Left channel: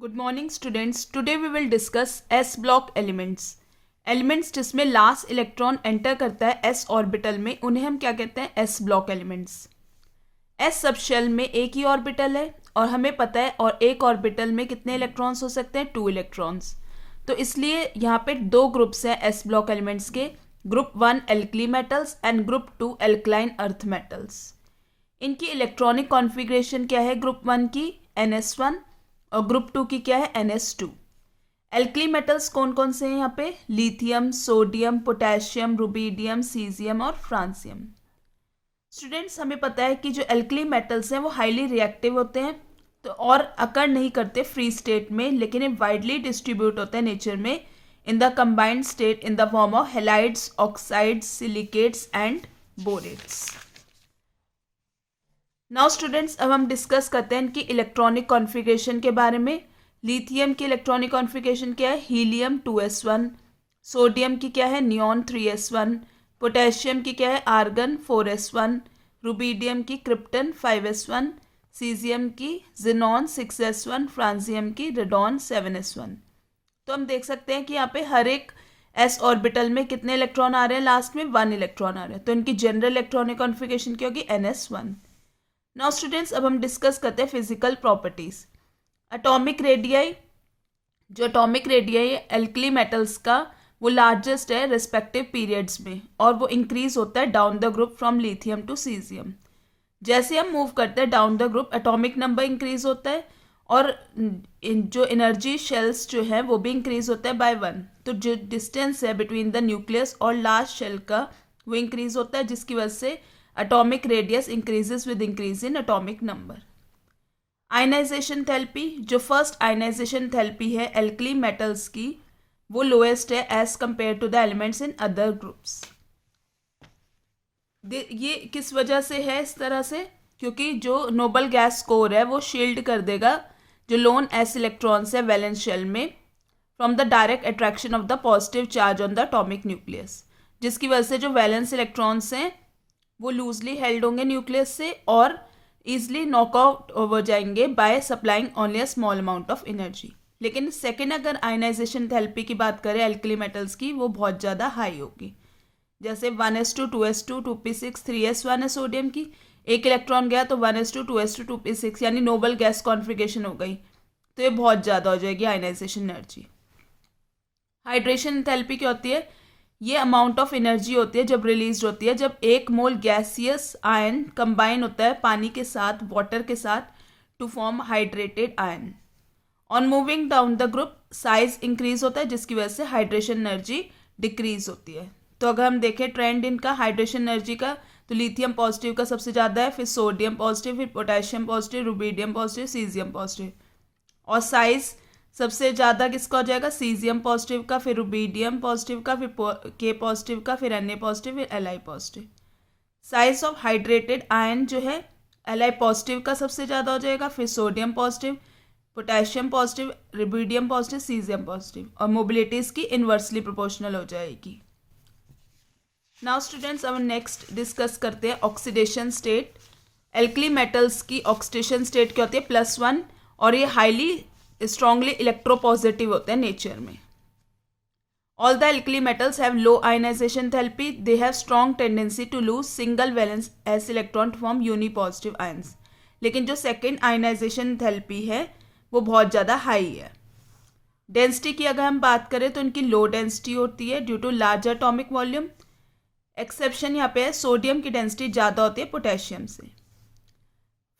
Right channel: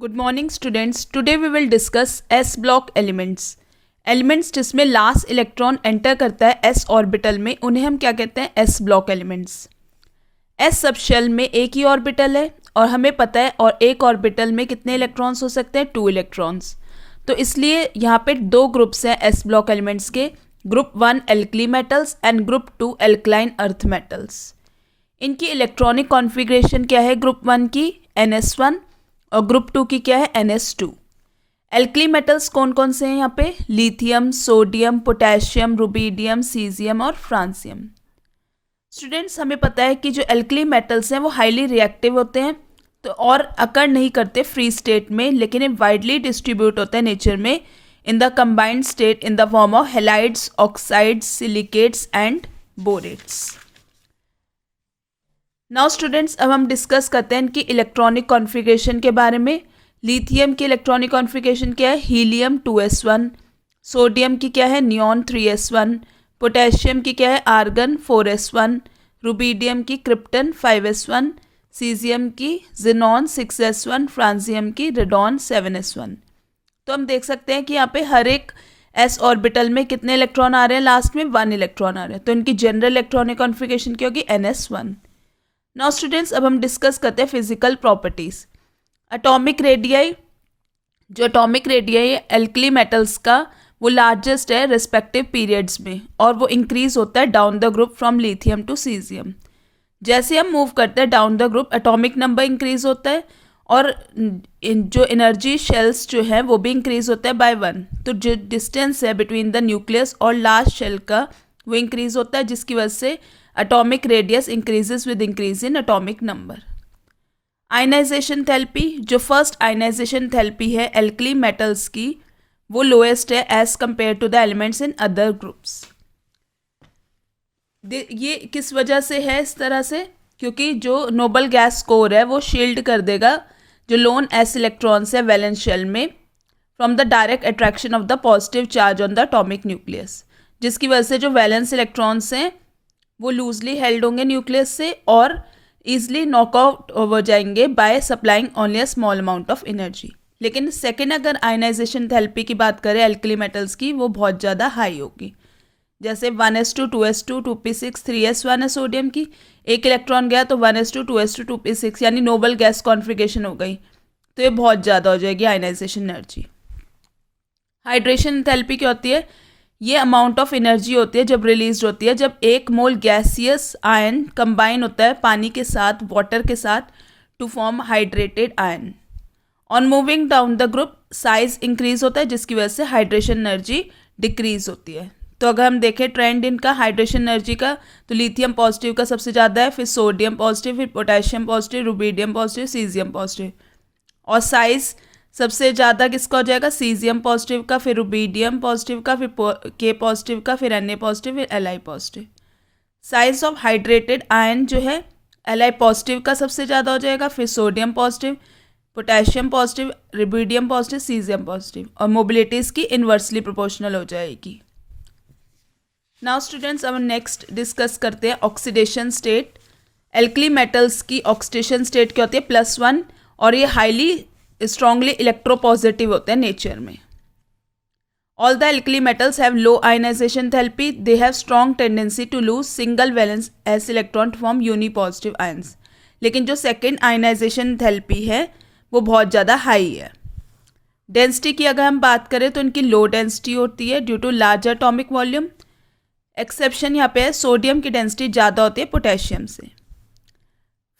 Good morning students. Today we will discuss s block elements. Elements जिसमें last electron enter करता है S orbital में, उन्हें हम क्या कहते हैं? S block elements. S subshell में एक ही ऑर्बिटल है और हमें पता है और एक ऑर्बिटल में कितने इलेक्ट्रॉन्स हो सकते हैं? 2 इलेक्ट्रॉन्स। तो इसलिए यहाँ पे दो ग्रुप्स हैं एस ब्लॉक एलिमेंट्स के, group 1 alkali metals and group 2 alkaline earth metals. इनकी इलेक्ट्रॉनिक कॉन्फ़िगरेशन क्या है? ग्रुप 1 की NS1 और ग्रुप 2 की क्या है? NS2। एल्कली मेटल्स कौन कौन से हैं यहाँ पे? Lithium, sodium, potassium, rubidium, caesium और फ्रांसियम। स्टूडेंट्स, हमें पता है कि जो एल्कली मेटल्स हैं वो हाईली रिएक्टिव होते हैं तो और अकर नहीं करते फ्री स्टेट में, लेकिन ये वाइडली डिस्ट्रीब्यूट होते हैं नेचर में in the combined state in the form of halides, oxides, silicates and बोरेट्स। Now students, अब हम डिस्कस करते हैं इनकी इलेक्ट्रॉनिक कॉन्फ़िगरेशन के बारे में। लिथियम की इलेक्ट्रॉनिक कॉन्फ़िगरेशन क्या है? Helium 2s1। सोडियम की क्या है? Neon 3s1। पोटेशियम की क्या है? Argon 4s1। रुबीडियम की क्रिप्टन 5s1। सीजियम की जिनॉन 6s1। फ्रांसियम की रेडॉन 7s1। तो हम देख सकते हैं कि यहाँ पे हर एक एस ऑर्बिटल में कितने इलेक्ट्रॉन आ रहे हैं? लास्ट में 1 इलेक्ट्रॉन आ रहे हैं, तो इनकी जनरल इलेक्ट्रॉनिक कॉन्फ़िगरेशन क्या होगी? NS1। नाउ स्टूडेंट्स, अब हम डिस्कस करते हैं फिजिकल प्रॉपर्टीज। एटॉमिक रेडियाई, जो एटॉमिक रेडियाई है एल्कली मेटल्स का, वो लार्जेस्ट है रिस्पेक्टिव पीरियड्स में और वो इंक्रीज होता है down the group from lithium to caesium. जैसे हम मूव करते हैं down the group, atomic number increase होता है और जो एनर्जी शेल्स जो है वो भी इंक्रीज होता है बाय 1। तो जो डिस्टेंस है बिटवीन द न्यूक्लियस और लास्ट शेल का वो इंक्रीज होता है, जिसकी वजह से atomic radius increases with increase in atomic number। Ionization therapy, जो फर्स्ट आयनाइजेशन थेरेपी है एल्कली मेटल्स की, वो लोएस्ट है as compare to the elements in other groups. ये किस वजह से है इस तरह से? क्योंकि जो नोबल गैस स्कोर है वो शील्ड कर देगा जो लोन एस इलेक्ट्रॉन्स है वैलेंस शेल में from the direct attraction of the positive charge on the atomic nucleus, जिसकी वजह से जो वैलेंस इलेक्ट्रॉन्स हैं वो लूजली हेल्ड होंगे न्यूक्लियस से और ईजिली नॉकआउट हो जाएंगे by supplying only a small amount of energy. लेकिन सेकेंड अगर आयनाइजेशन थेरेपी की बात करें एल्कली मेटल्स की, वो बहुत ज़्यादा हाई होगी। जैसे 1s2 2s2 2p6 3s1 है सोडियम की, एक इलेक्ट्रॉन गया तो 1s2 2s2 2p6 यानी नोबल गैस कॉन्फ़िगरेशन हो गई, तो ये बहुत ज़्यादा हो जाएगी आयनाइजेशन एनर्जी। हाइड्रेशन थेरेपी क्या होती है? ये अमाउंट ऑफ एनर्जी होती है जब रिलीज होती है जब 1 मोल गैसियस आयन कंबाइन होता है पानी के साथ, वाटर के साथ, to form hydrated ion. On moving down the group size increase होता है, जिसकी वजह से हाइड्रेशन एनर्जी डिक्रीज होती है। तो अगर हम देखें ट्रेंड इनका हाइड्रेशन एनर्जी का, तो लिथियम पॉजिटिव का सबसे ज़्यादा है, फिर सोडियम पॉजिटिव, फिर potassium positive, rubidium positive, caesium positive. और साइज सबसे ज़्यादा किसका हो जाएगा? सीजियम पॉजिटिव का, फिर रुबीडियम पॉजिटिव का, फिर के पॉजिटिव का, फिर Na पॉजिटिव, फिर Li positive. Size of hydrated ion जो है Li पॉजिटिव का सबसे ज़्यादा हो जाएगा, फिर sodium positive, potassium positive, rubidium positive, caesium positive. और मोबिलिटी इसकी इन्वर्सली प्रोपोर्शनल हो जाएगी। नाउ स्टूडेंट्स, अब नेक्स्ट डिस्कस करते हैं ऑक्सीडेशन स्टेट। एल्कली मेटल्स की ऑक्सीडेशन स्टेट क्या होती है? +1, और ये हाईली स्ट्रॉन्गली इलेक्ट्रोपॉजिटिव होते हैं नेचर में। All the alkali metals have low ionization therapy, they have strong tendency to lose single valence s electron form unipositive ions. लेकिन जो सेकेंड आयनाइजेशन थेरेपी है वो बहुत ज़्यादा हाई है। डेंसिटी की अगर हम बात करें तो इनकी लो डेंसिटी होती है due to large atomic volume. Exception यहाँ पे है, सोडियम की डेंसिटी ज़्यादा होती है पोटेशियम से।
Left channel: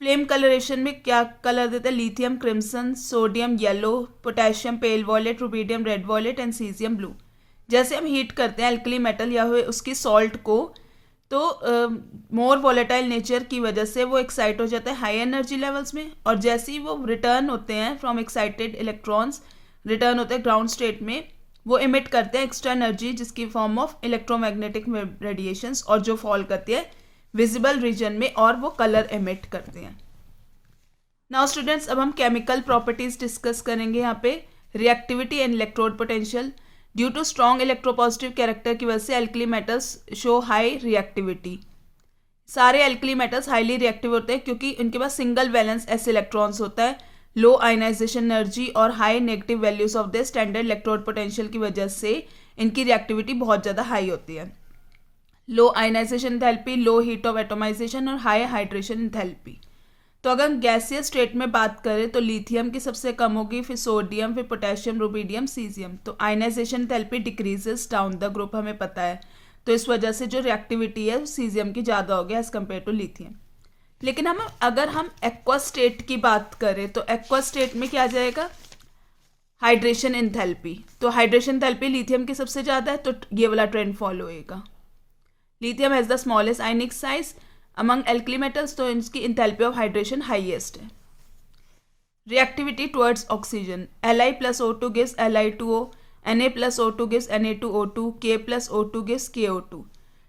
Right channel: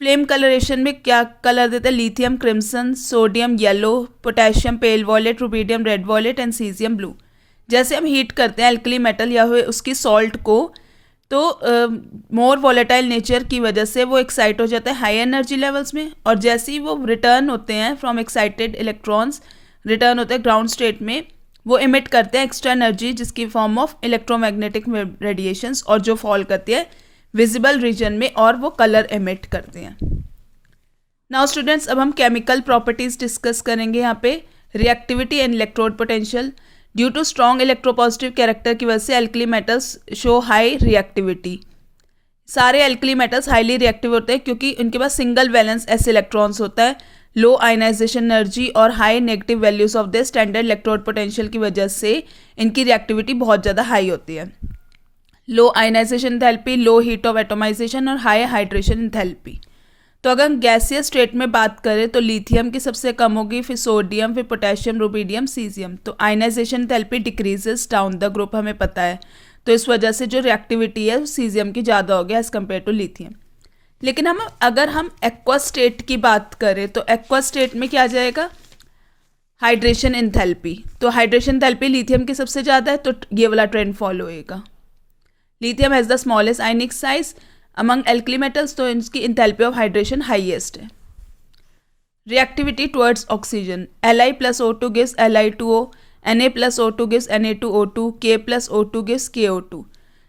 फ्लेम कलरेशन में क्या कलर देते हैं? Lithium crimson, sodium yellow, potassium pale violet, rubidium red violet and caesium blue. जैसे हम हीट करते हैं एल्कली मेटल या उसकी सॉल्ट को, तो मोर वॉलेटाइल नेचर की वजह से वो एक्साइट हो जाता है हाई एनर्जी लेवल्स में, और जैसे ही वो रिटर्न होते हैं फ्रॉम एक्साइटेड इलेक्ट्रॉन्स, रिटर्न होते हैं ग्राउंड स्टेट में, वो इमिट करते हैं एक्स्ट्रा एनर्जी जिसकी फॉर्म ऑफ इलेक्ट्रोमैग्नेटिक रेडिएशंस, और जो फॉल करती है विजिबल रीजन में और वो कलर एमिट करते हैं। नाउ स्टूडेंट्स, अब हम केमिकल प्रॉपर्टीज डिस्कस करेंगे यहाँ पे। Reactivity and electrode potential, due to strong electropositive character की वजह से alkali metals show high reactivity. सारे एल्कली मेटल्स हाईली रिएक्टिव होते हैं क्योंकि उनके पास सिंगल वैलेंस एस इलेक्ट्रॉन्स होता है, लो आयनाइजेशन एनर्जी और high negative values of the standard electrode potential की वजह से इनकी रिएक्टिविटी बहुत ज़्यादा हाई होती है। Low ionization enthalpy, low heat of atomization और हाई हाइड्रेशन एंथैल्पी। तो अगर हम गैसियस स्टेट में बात करें तो लिथियम की सबसे कम होगी, फिर सोडियम, फिर पोटेशियम, रुबिडियम, सीजियम। तो ionization enthalpy decreases down the group, हमें पता है। तो इस वजह से जो रिएक्टिविटी है सीजियम की ज़्यादा हो गया एज़ कम्पेयर टू लिथियम। लेकिन अगर हम एक्वा स्टेट की बात करें तो एक्वा स्टेट में क्या आ जाएगा, हाइड्रेशन एंथैल्पी। तो हाइड्रेशन एंथैल्पी लिथियम की सबसे ज़्यादा है, तो ये वाला ट्रेंड फॉलो होएगा। Lithium has the smallest ionic size among alkali metals, तो इसकी एंथैल्पी ऑफ हाइड्रेशन हाईएस्ट है। Reactivity towards oxygen, Li plus O2 gives Li2O, Na plus O2 gives Na2O2, K plus O2 gives KO2।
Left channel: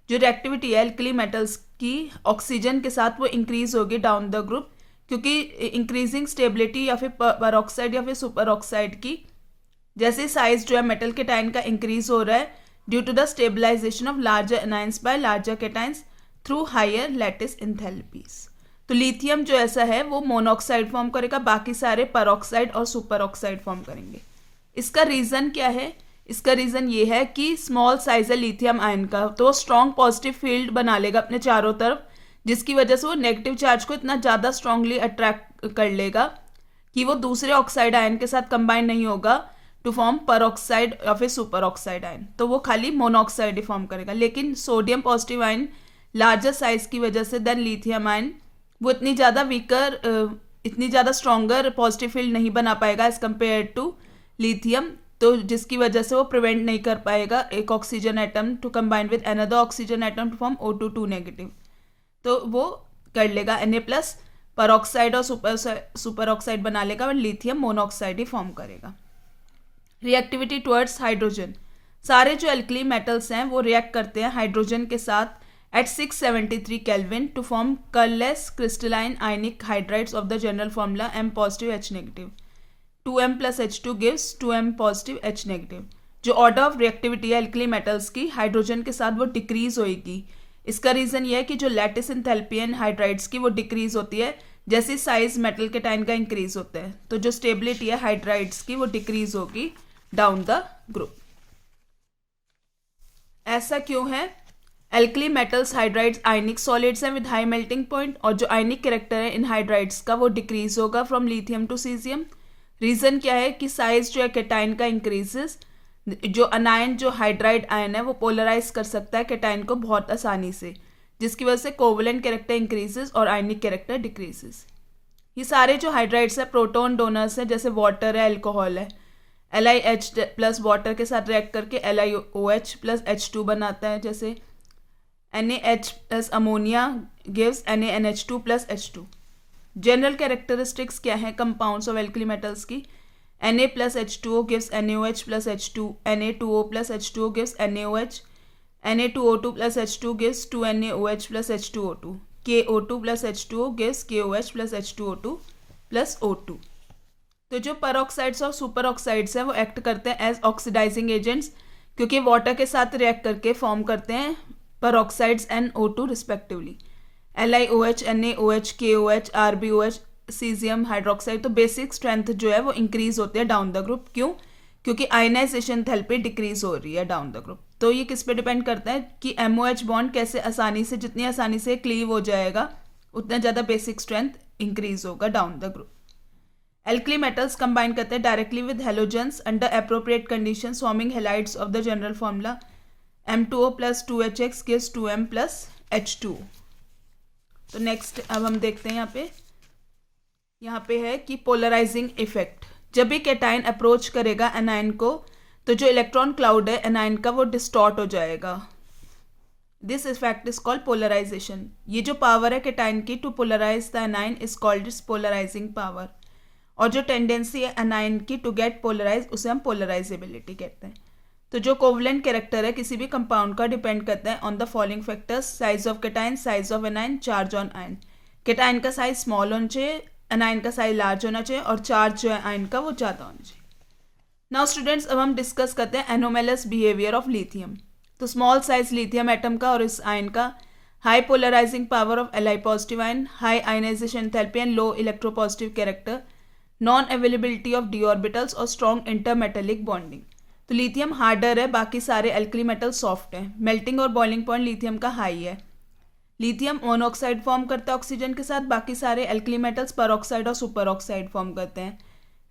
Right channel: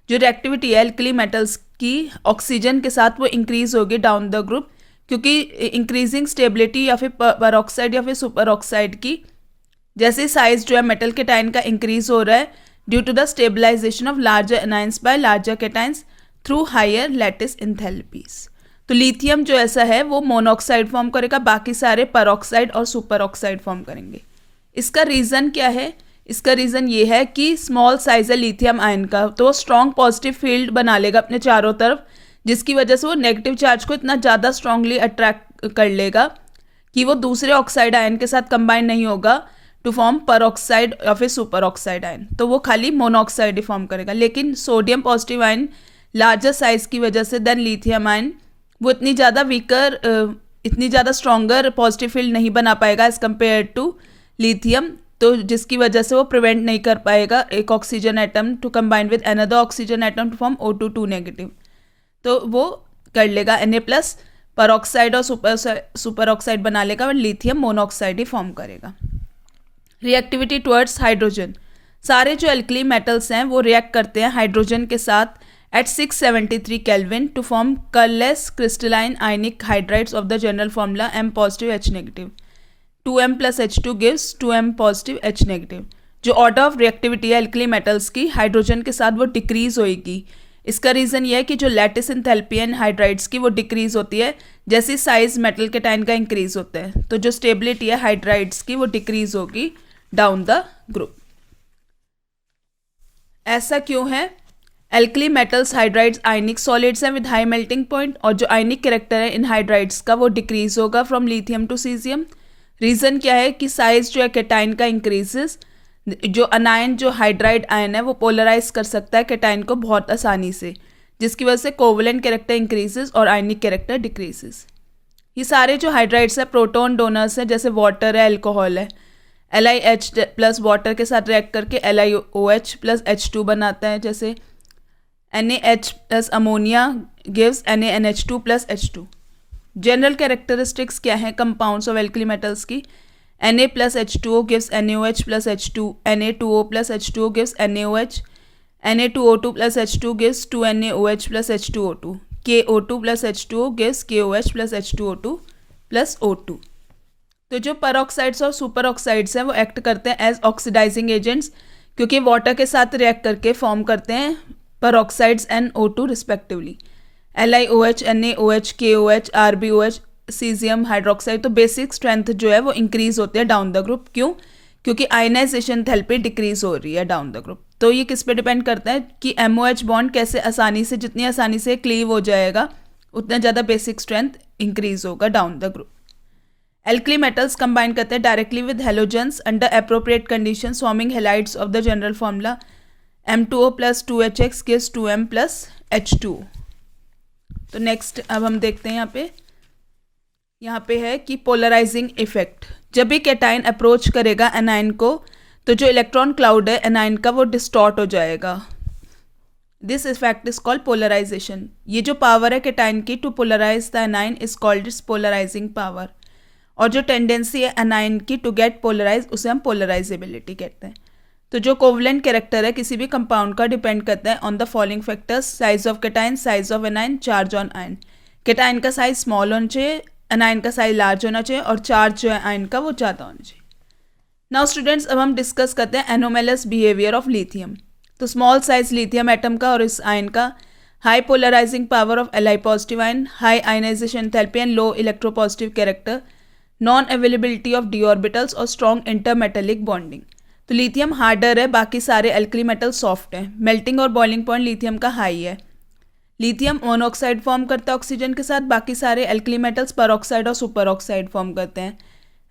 जो reactivity है alkali metals की oxygen के साथ वो increase होगी डाउन द ग्रुप, क्योंकि इंक्रीजिंग स्टेबिलिटी या फिर परऑक्साइड या फिर सुपर ऑक्साइड की जैसे साइज जो है मेटल केटाइन का इंक्रीज हो रहा है due to the stabilization of larger anions by larger cations through higher lattice enthalpies. तो लिथियम जो ऐसा है वो मोनोऑक्साइड फॉर्म करेगा, बाकी सारे परऑक्साइड और सुपर ऑक्साइड फॉर्म करेंगे। इसका रीज़न क्या है, इसका रीज़न ये है कि स्मॉल साइज है लिथियम आयन का, तो वो स्ट्रॉन्ग पॉजिटिव फील्ड बना लेगा अपने चारों तरफ, जिसकी वजह से वो नेगेटिव चार्ज को इतना ज़्यादा स्ट्रांगली अट्रैक्ट कर लेगा कि वो दूसरे ऑक्साइड आयन के साथ कंबाइन नहीं होगा टू फॉर्म परऑक्साइड या फिर सुपर ऑक्साइड आयन, तो वो खाली मोनोऑक्साइड ही फॉर्म करेगा। लेकिन sodium positive ion larger size की वजह से देन लिथियम आयन वो इतनी ज़्यादा स्ट्रॉन्गर पॉजिटिव फील्ड नहीं बना पाएगा एज कम्पेयर टू लिथियम, तो जिसकी वजह से वो प्रिवेंट नहीं कर पाएगा एक oxygen atom to combine with another oxygen atom to form O2 negative. तो वो कर लेगा Na+ परऑक्साइड और सुपर ऑक्साइड बना लेगा और लिथियम मोनोऑक्साइड ही फॉर्म करेगा। रिएक्टिविटी टुवर्ड्स हाइड्रोजन, सारे जो एल्कली मेटल्स हैं वो रिएक्ट करते हैं हाइड्रोजन के साथ at 673 Kelvin to form colorless crystalline ionic hydrides of the general formula M positive H negative. 2M plus H2 gives 2M positive H negative। जो order of reactivity है alkali metals की hydrogen के साथ वो decrease होएगी। इसका reason ये है कि जो लैटिस एंथैल्पी है हाइड्राइड्स की वो डिक्रीज होती है जैसे साइज मेटल केटाइन का इंक्रीज होता है, तो जो स्टेबिलिटी है हाइड्राइड्स की वो डिक्रीज होगी डाउन द ग्रुप। ऐसा क्यों है, एल्कली मेटल्स हाइड्राइड्स आयनिक सॉलिड्स हैं विद हाई मेल्टिंग पॉइंट, और जो आयनिक कैरेक्टर है इन हाइड्राइड्स का वो डिक्रीज होगा from lithium to caesium. Reason क्या है कि साइज जो है केटाइन का इंक्रीजेस, जो अनायन जो हाइड्राइड आयन है वो पोलराइज कर सकता है केटाइन को बहुत आसानी से, जिसकी वजह से कोवलेंट कैरेक्टर इंक्रीजेस और आयनिक कैरेक्टर डिक्रीजेस। ये सारे जो हाइड्राइड्स है प्रोटोन डोनर्स हैं, जैसे वाटर है, अल्कोहल है, LiH प्लस वाटर के साथ रिएक्ट करके LiOH प्लस H2 बनाता है, जैसे NaH plus ammonia gives NaNH2 plus H2। General characteristics क्या है कंपाउंड्स ऑफ एल्कली मेटल्स की, Na plus H2O gives NaOH plus H2, Na2O plus H2O gives NaOH, Na2O2 plus H2 gives 2NaOH plus H2O2, KO2 plus H2O gives KOH plus H2O2 plus O2। तो जो परऑक्साइड्स और super oxides हैं वो act करते हैं as oxidizing agents, क्योंकि water के साथ रिएक्ट करके फॉर्म करते हैं peroxides and O2 respectively. LiOH, NaOH, KOH, RbOH, caesium hydroxide, तो बेसिक स्ट्रेंथ जो है वो इंक्रीज होती है डाउन द ग्रुप। क्यों? क्योंकि आयनाइजेशन एंथैल्पी डिक्रीज हो रही है डाउन द ग्रुप। तो ये किस पे डिपेंड करता है कि MOH बॉन्ड कैसे आसानी से, जितनी आसानी से क्लीव हो जाएगा उतना ज़्यादा बेसिक स्ट्रेंथ इंक्रीज होगा down the group. Alkali metals combine करते हैं directly with halogens under appropriate condition forming halides of the general formula M2O plus 2HX gives 2M plus H2। तो नेक्स्ट अब हम देखते हैं यहाँ पे है कि पोलराइजिंग इफेक्ट। जब भी कैटाइन अप्रोच करेगा एनाइन को तो जो इलेक्ट्रॉन क्लाउड है एनाइन का वो डिस्टॉर्ट हो जाएगा। This effect is called polarization. ये जो पावर है कैटाइन की to polarize the anion is called its polarizing power, और जो टेंडेंसी है एनाइन की टू गेट पोलराइज उसे हम पोलराइजेबिलिटी कहते हैं। तो जो कोवलेंट कैरेक्टर है किसी भी कंपाउंड का डिपेंड करता है on the following factors: size of cation, size of anion, charge on ion. Cation का साइज स्मॉल होना चाहिए, एनाइन का साइज लार्ज होना चाहिए, और चार्ज जो है आयन का वो ज़्यादा होना चाहिए। नाउ स्टूडेंट्स अब हम डिस्कस करते हैं एनोमेलस बिहेवियर ऑफ लिथियम। तो स्मॉल साइज लिथियम एटम का और इस आयन का, high polarizing power of Li positive ion, high ionization enthalpy and low electropositive character, non availability of d orbitals और स्ट्रॉन्ग इंटरमेटेलिक बॉन्डिंग। तो lithium harder है, बाकी सारे एल्कली मेटल सॉफ्ट हैं। मेल्टिंग और बॉइलिंग पॉइंट लिथियम का high है। Lithium monoxide form करता है ऑक्सीजन के साथ, बाकी सारे एल्कली मेटल्स परऑक्साइड और सुपर ऑक्साइड फॉर्म करते हैं।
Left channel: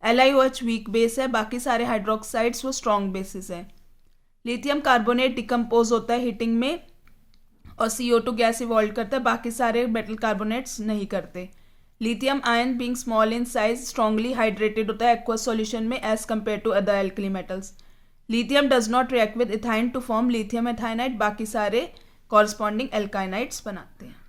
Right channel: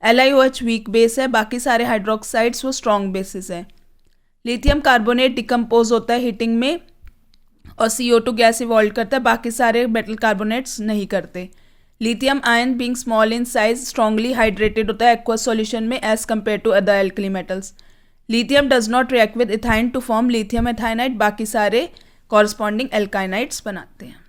LiOH वीक बेस है, बाकी सारे हाइड्रोक्साइड्स वो स्ट्रॉन्ग बेसिस है। लिथियम कार्बोनेट डिकम्पोज होता है हीटिंग में और CO2 गैस इवॉल्व करता है, बाकी सारे मेटल कार्बोनेट्स नहीं करते। Lithium ion being small in size strongly hydrated होता है एक्वस सॉल्यूशन में as compare to other alkali metals. Lithium does not react with ethyne to form lithium ethynide, बाकी सारे कॉरस्पॉन्डिंग एल्काइनाइड्स बनाते हैं।